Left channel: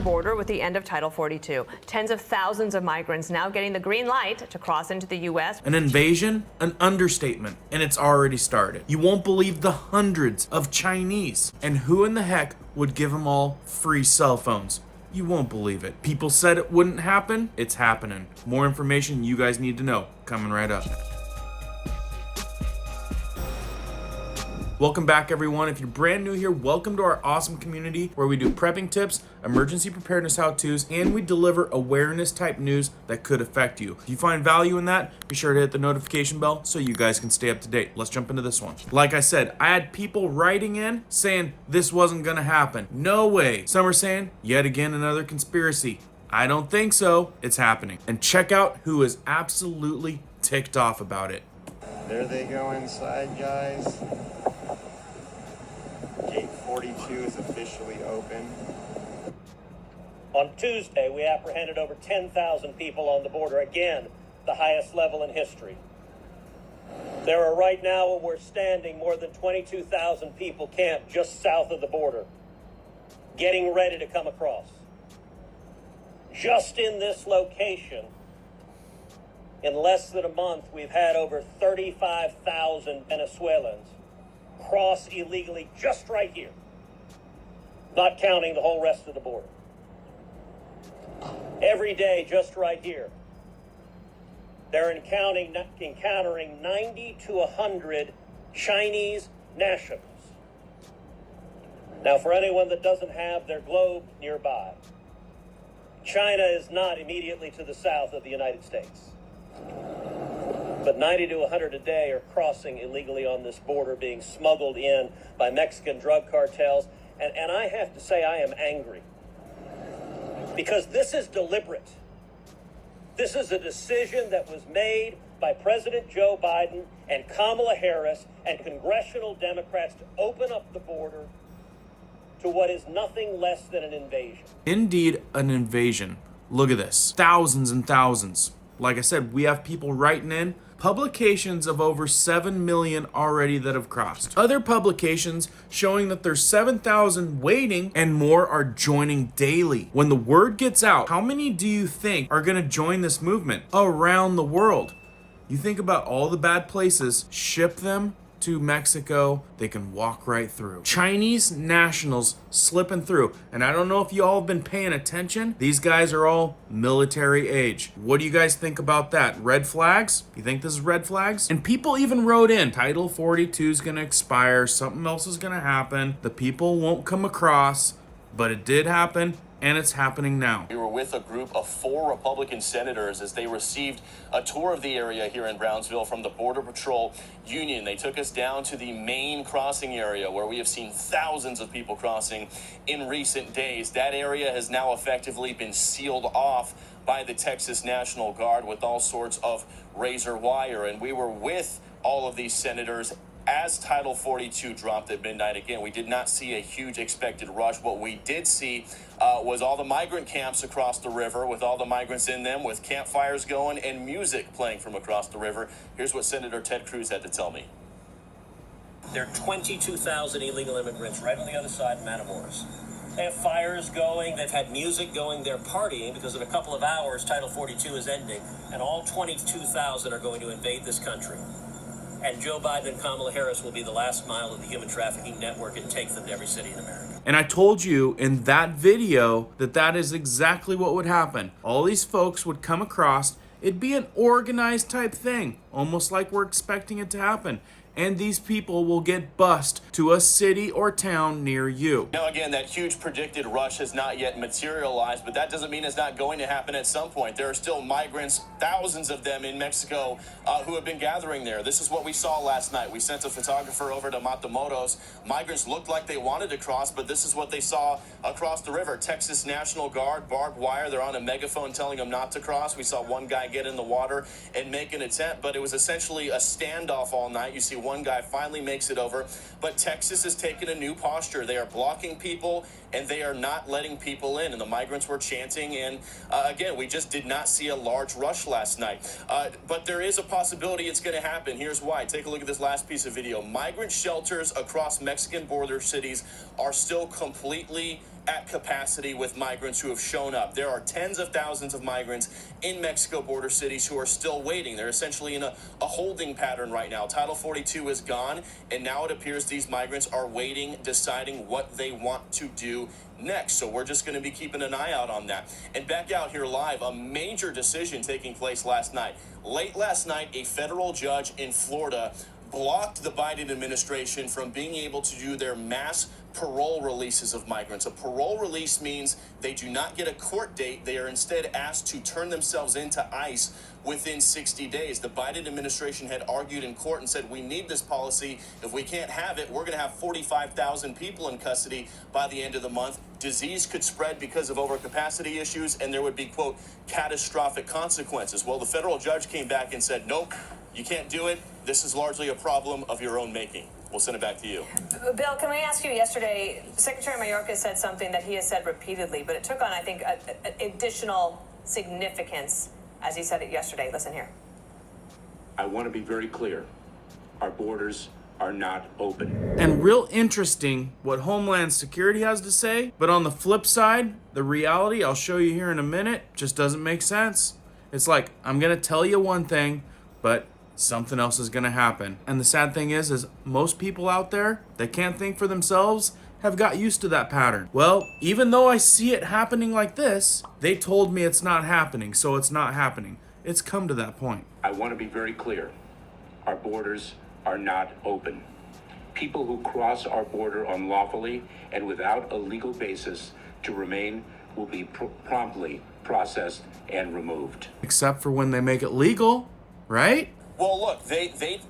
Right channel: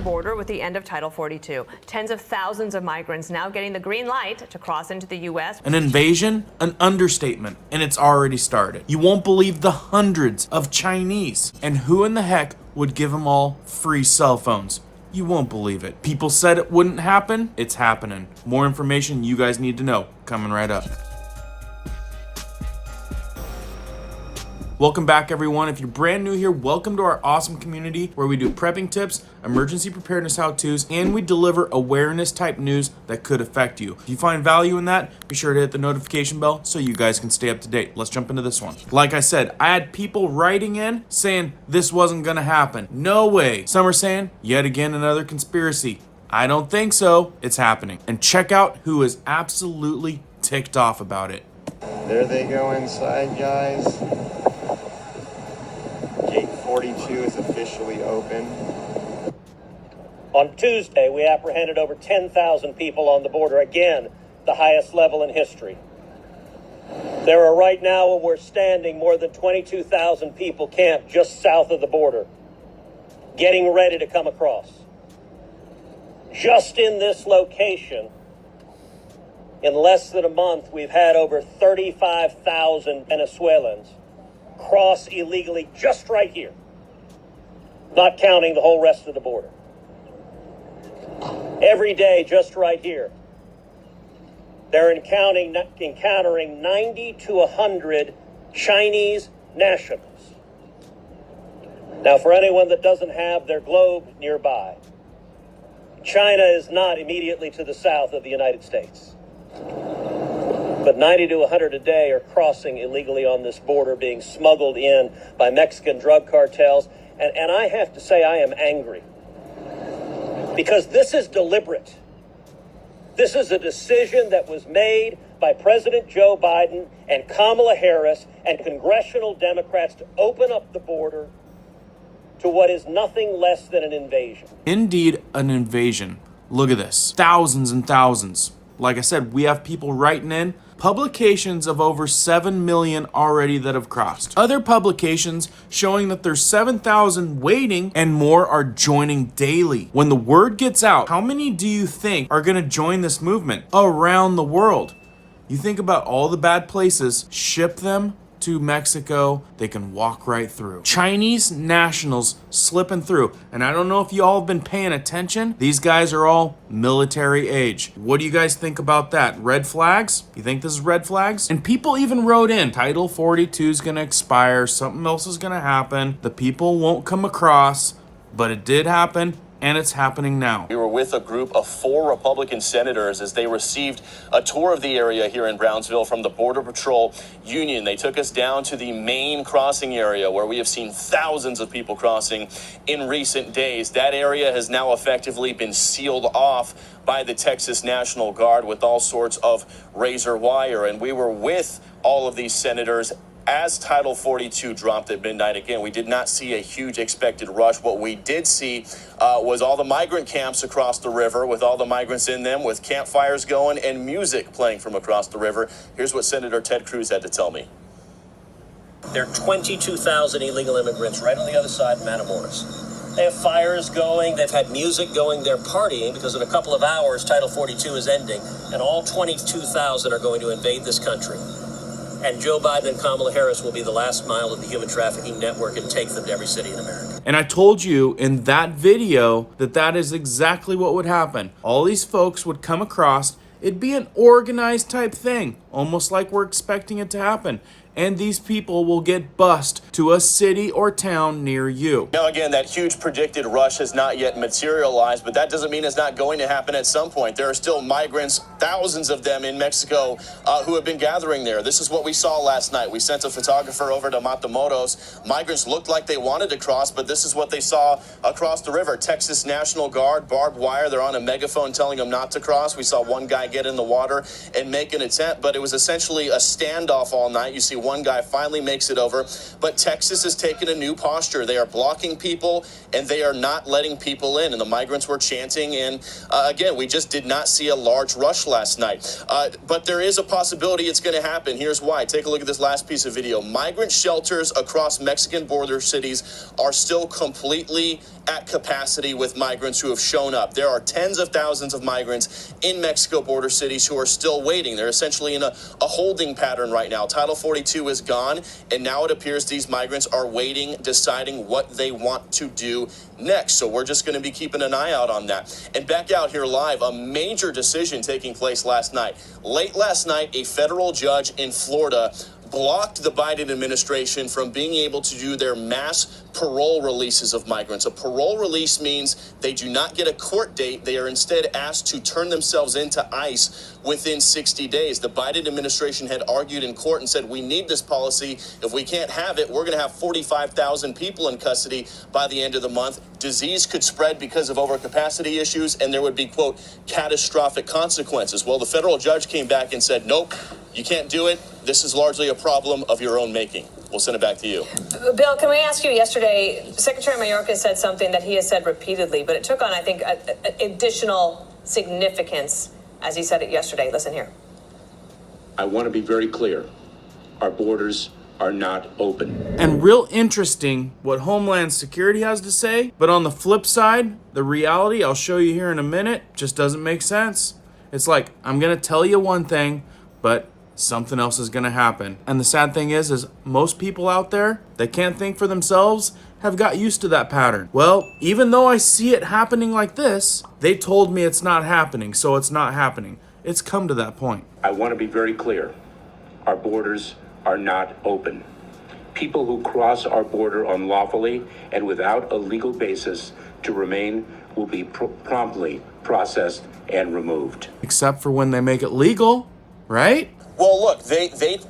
southern border with the end of Title 42. Tens of thousands of migrants now getting the green light to cross into the U.S. An invasion? An understatement, and it's already started. You won't believe the hundreds of Chinese. And who in the heck would give them all free cell phones? You won't believe it. People said it wouldn't happen. It's happening. More information you guys need to know coming right up. Welcome back, everyone. If you're brand new here, welcome to our awesome community where we do prepping tips, emergency preparedness how-tos, and we deliver awareness type news that could affect you. If you find value in that, be sure to hit the notification bell so you guys can stay up to date. Let's jump into this one. Like I said, I had people writing in saying this wasn't gonna happen. No way. Some are saying, yet again, another conspiracy. I don't think so. It's happening. And check out who is absolutely ticked off about it. There they go inside, guys. Gate 42 is officially open. On Tuesday, we apprehended over 10,000 people on the border, again, the highest level in history. There are right now, where we're standing, more than 22,000 people camped just south of the border, getting ready to come across. Just in this location, in less than a month, we've had over 35,000 Venezuelans cross illegally just right here, not counting the whole rest of the border. Every day, just right here, they're encountering 90 to 100 Chinese nationals. Now, for anyone that doesn't have their globe nearby, China is not immediately to the south of the United States. But 90 to 100 a day are crossing illegally on this border, being smuggled in by Mexican drug cartels. And I have to say I am angry, because this is deliberate. This is a decision that was made by President Joe Biden and Kamala Harris and congressional Democrats to open up the border to what is nothing less than an invasion. Indeed, an invasion. Look at this. Thousands and thousands. Like I said, we have people writing in. Publications of over 7 million already that have crossed. Other publications showing that there's 7,000 waiting and more are joining daily. When the word gets out, how many do you think are gonna join this movement around the world? You think about all the bad places, ship them to Mexico, they can walk right through. Chinese nationals slipping through. And I don't know if you all have been paying attention. These guys are all military age. What do you guys think about that? Red flags? You think this is red flags? And people even wrote in, Title 42 is gonna expire, something else is gonna happen, the people won't come across, but it did happen. And it's happening now. We were with a group of 4 Republican senators as they received a tour of the area here in Brownsville from the Border Patrol Union. They took us down to the main crossing area where we have seen thousands of people crossing in recent days. That area has now effectively been sealed off by the Texas National Guard with all sorts of razor wire. And we were with all of these senators as Title 42 dropped at midnight. Again, we did not see a huge expected rush. What we did see was all the migrant camps across the river with all the migrants in them, with campfires going and music playing from across the river. Here's what Senator Ted Cruz had to tell me. There are 22,000 illegal immigrants right on the other side of Matamoros. They have fires going, they've had music going, they're partying because in a couple of hours, Title 42 is ending, and all 22,000 are going to invade this country. And Joe Biden and Kamala Harris will be the last mile of the human trafficking network and take them to every city in America. And I told you in that video that that is exactly what would happen. All these folks would come across. It'd be an organized type thing, almost like we're expecting it to happen. And these people will get bused to a city or town near you. Now, again, that huge predicted rush has not yet materialized, but that doesn't mean it's not going to happen at some point. There are still migrants, thousands of them in Mexico, who have been gathering there. This is what we saw last night. We sent a photographer over to Matamoros. Migrants looked like they wanted to cross, but this is what they saw across the river. Texas National Guard, barbed wire. They're on a megaphone telling them not to cross. We saw one guy get in the water and make an attempt, but it was essentially a standoff all night. You see one guy finally makes it over. But Texas has taken a new posture. They are blocking people, and they are not letting people in. And the migrants were chanting. And again, we just did not see a large rush last night. But there is a possibility it's going to happen. Here's why. Take a look at this last piece of video. Migrant shelters across Mexican border cities are still completely at capacity with migrants who have shown up. There are tens of thousands of migrants in Mexico border cities who are still waiting. They're essentially in a holding pattern right now. Title 42 is gone, and now it appears these migrants are waiting, deciding what they want to do next. So we're just going to be keeping an eye out on that. And back out here live, a major decision taking place last night. Late last night, a federal judge in Florida blocked the Biden administration from being able to do their mass parole releases of migrants. A parole release means they do not get a court date. They are instead asked to turn themselves into ICE within 60 days. The Biden administration had argued in court and said, we need this policy. If we can't have it, we're going to have 45,000 people in custody by the end of the month. Disease could spread because of overcapacity issues, and there would be, quote, catastrophic consequences. Well, the federal judge came back and said, nope, you can't do it. This is largely a problem of your own making. We'll send it back to you. Bill, can we ask you, yesterday, Secretary Mayorkas said something that he has said repeatedly, but it took on, I think, additional significance as he said it yesterday. Listen here. I want to be very clear. Our borders are not open. And real interesting what Homeland Security has to say. But on the flip side, the reality I'll show you here in a minute just doesn't make sense. It's like, I'm going to tell you one thing, but something else is going to happen. And the sad thing is most people out there that can't think for themselves have got used to that pattern. Well, even though I see it happening like this, they told me it's not happening, so it's not happening. It's come to that point. I want to be very clear. Our borders are not open. People who cross our border unlawfully and without a legal basis to remain will be promptly processed and removed. Except for when they make it legal, right? Well, look,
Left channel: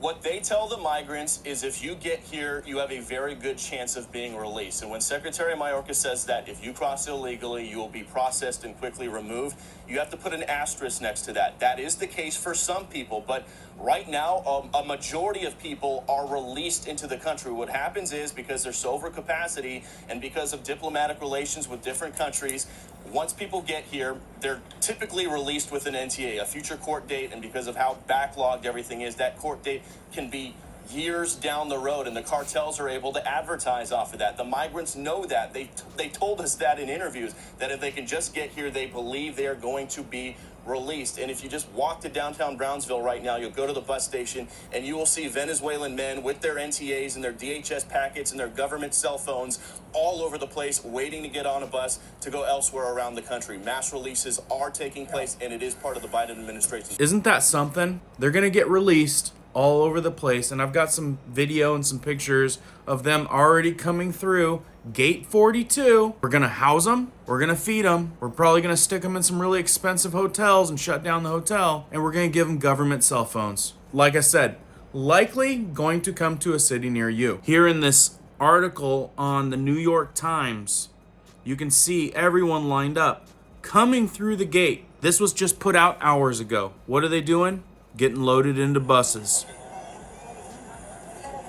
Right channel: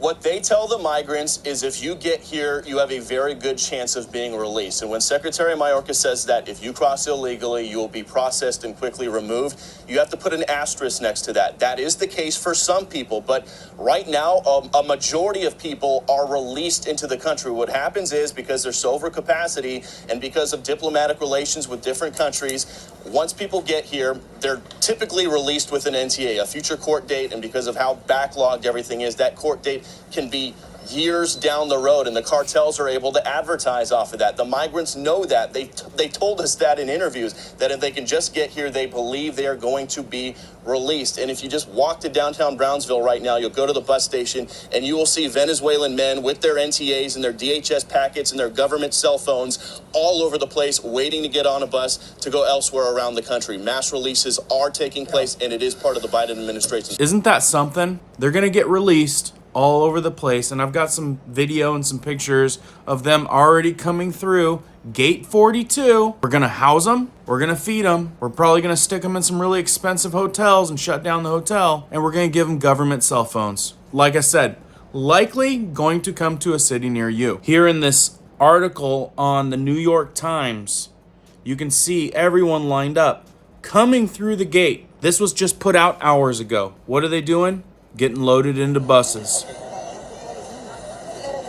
what they tell the migrants is if you get here, you have a very good chance of being released. And when Secretary Mayorkas says that if you cross illegally, you will be processed and quickly removed, you have to put an asterisk next to that. That is the case for some people, but right now, a majority of people are released into the country. What happens is, because there's overcapacity and because of diplomatic relations with different countries, once people get here, they're typically released with an NTA, a future court date, and because of how backlogged everything is, that court date can be years down the road, and the cartels are able to advertise off of that. The migrants know that. They told us that in interviews, that if they can just get here, they believe they are going to be released. And if you just walk to downtown Brownsville right now, you'll go to the bus station and you will see Venezuelan men with their NTAs and their DHS packets and their government cell phones all over the place, waiting to get on a bus to go elsewhere around the country. Mass releases are taking place, and it is part of the Biden administration. Isn't that something? They're gonna get released all over the place, and I've got some video and some pictures of them already coming through gate 42. We're gonna house them, we're gonna feed them, we're probably gonna stick them in some really expensive hotels and shut down the hotel, and we're gonna give them government cell phones. Like I said, likely going to come to a city near you. Here in this article on the New York Times, you can see everyone lined up coming through the gate. This was just put out hours ago. What are they doing? Getting loaded into buses.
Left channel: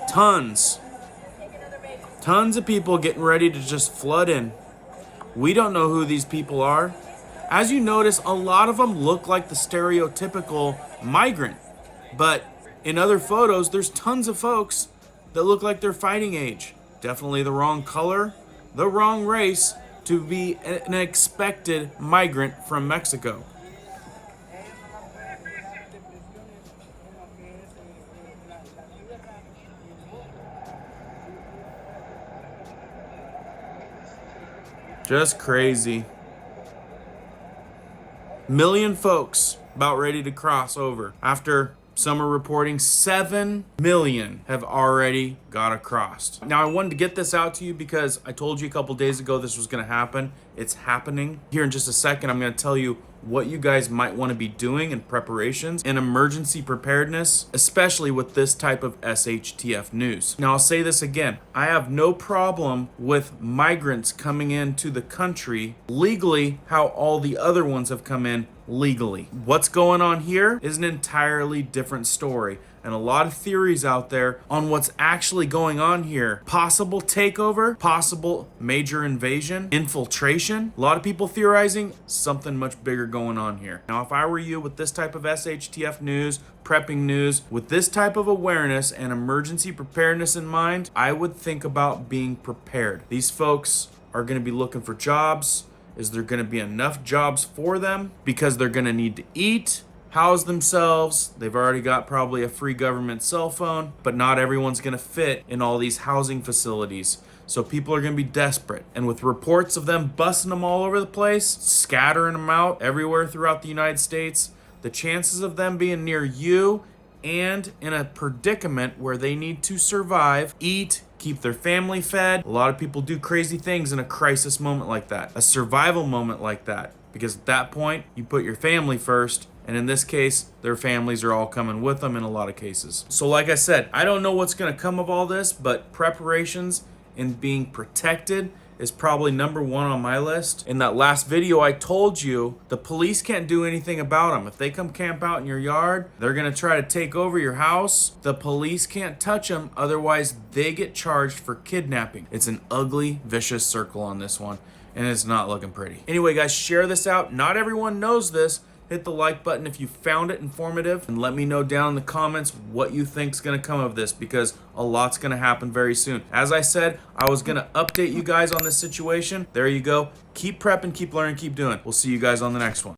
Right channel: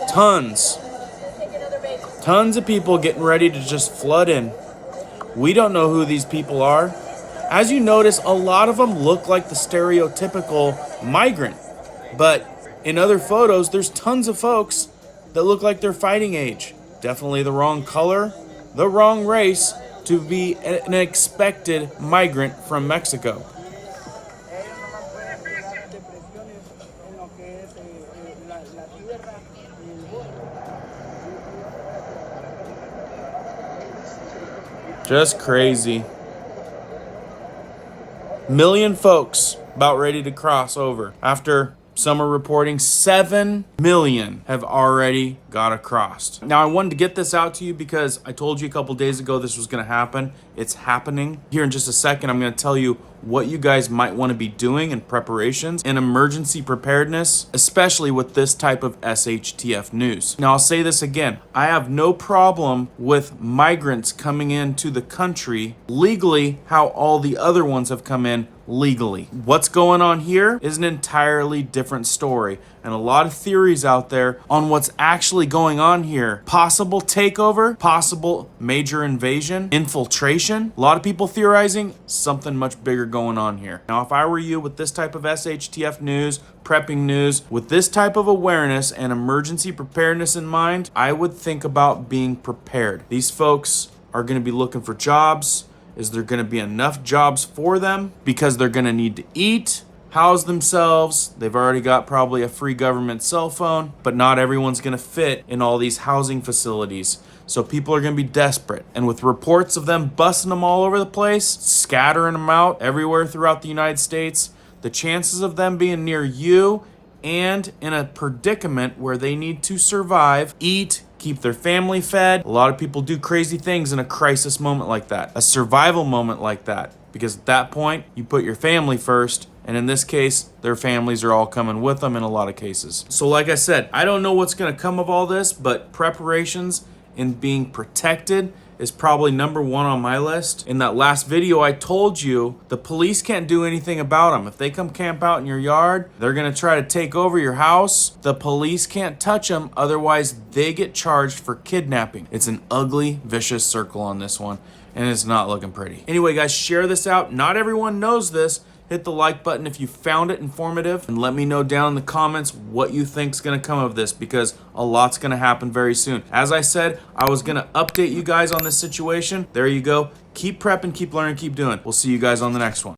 Tons of people getting ready to just flood in. We don't know who these people are. As you notice, a lot of them look like the stereotypical migrant. But in other photos, there's tons of folks that look like they're fighting age. Definitely the wrong color, the wrong race to be an expected migrant from Mexico. Just crazy. Million folks about ready to cross over. After some are reporting 7 million have already got across. Now I wanted to get this out to you because I told you a couple days ago this was going to happen. It's happening. Here in just a second, I'm going to tell you what you guys might want to be doing in preparations and emergency preparedness, especially with this type of SHTF news. Now, I'll say this again. I have no problem with migrants coming into the country legally how all the other ones have come in legally. What's going on here is an entirely different story. and a lot of theories out there on what's actually going on here. Possible takeover, possible major invasion, infiltration. A lot of people theorizing something much bigger going on here. Now, if I were you with this type of SHTF news, prepping news, with this type of awareness and emergency preparedness in mind, I would think about being prepared. These folks are going to be looking for jobs. Is there going to be enough jobs for them? Because they're going to need to eat, house themselves. They've already got probably a free government cell phone, but not everyone's going to fit in all these housing facilities. So people are going to be desperate. And with reports of them busting them all over the place, scattering them out everywhere throughout the United States, the chances of them being near you and in a predicament where they need to survive, eat, keep their family fed. A lot of people do crazy things in a crisis moment like that, a survival moment like that, because at that point, you put your family first. And in this case, their families are all coming with them in a lot of cases. So like I said, I don't know what's going to come of all this, but preparations and being protected is probably number one on my list. In that last video, I told you the police can't do anything about them. If they come camp out in your yard, they're going to try to take over your house. The police can't touch them. Otherwise, they get charged for kidnapping. It's an ugly, vicious circle on this one, and it's not looking pretty. Anyway, guys, share this out. Not everyone knows this. Hit the like button if you found it informative, and let me know down in the comments what you think is going to come of this, because a lot's going to happen very soon. As I said, I was going to update you guys on this situation. There you go. Keep prepping, keep learning, keep doing. We'll see you guys on the next one.